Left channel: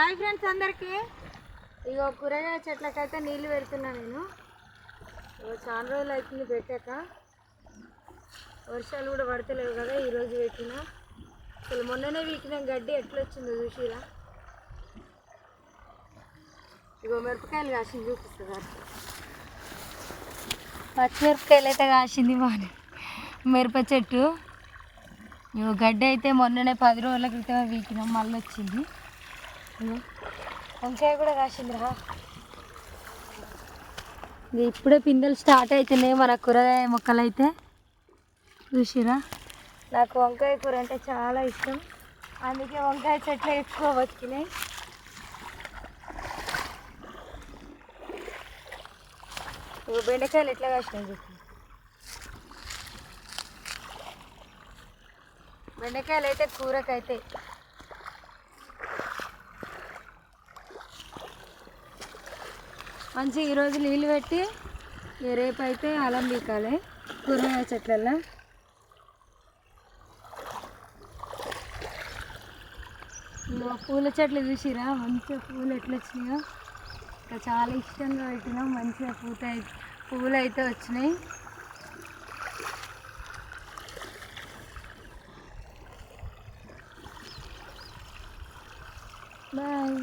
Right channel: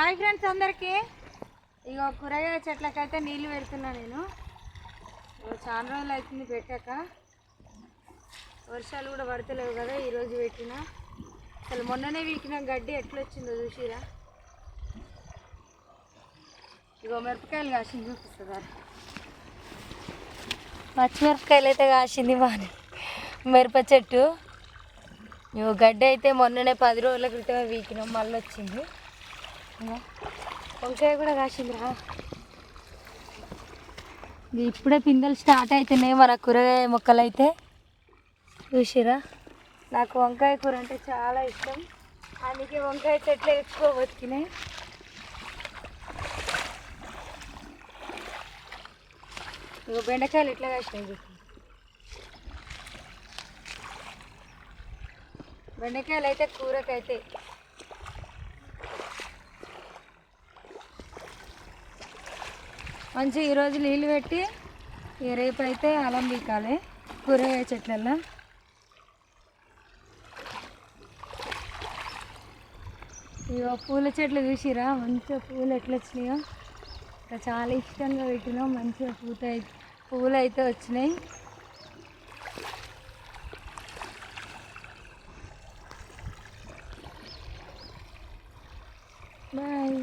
Hi friends అందరికీ. ఇగో కూరగాయ చెట్లకైతే నీళ్ళు పెడుతున్నా నేను. చాలా రోజులు అవుతుంది పెట్టాక, వర్షాలు కూడా పడతలేవు కదా. ఈరోజు పెట్టినా, అసలు మొన్ననే వీకిన గడ్డి ఎట్లొచ్చిందో చూసిరా. ఇగో మిరపకాయలు కాసింది చూపిస్తుంది. పచ్చిమిరపకాయలు అయితే కాసింది బాగానే మిరప చెట్టు. ఇగో గడ్డి అయితే మొన్ననే 10 రోజుల క్రితం వీకినాం, మళ్ళీ వచ్చింది. వంకాయ కూడా కాసిందిరా. ఇప్పుడే పిందెలు స్టార్ట్ అవుతున్నాయి మన కూరగాయ మొక్కలు అయితే చూసిరా. నాకు వంకాయ కూర అంటే చాలా ఇష్టం, అందుకే వంకాయ చెట్లు ఎక్కువ బతికినాయి. ఇక బెండకాయలు ఎట్లా కాసినాయి చెప్పి. బెండకాయలు అయితే కూరకైతే మంచిగా ఈరోజు నీళ్ళు పెట్టి రేపు అయితే అల్లం పీకాలి కూరగాయ చెట్లల్లో. ఇక పూల చెట్లు చూసిరా, మంచిగా పూలు ఎట్లా వచ్చినాయో. ఇంకా చాలా ఇష్టంగా పెట్టినాం, మంచిగా పూలు అయితే వచ్చినాయి. బాయ్.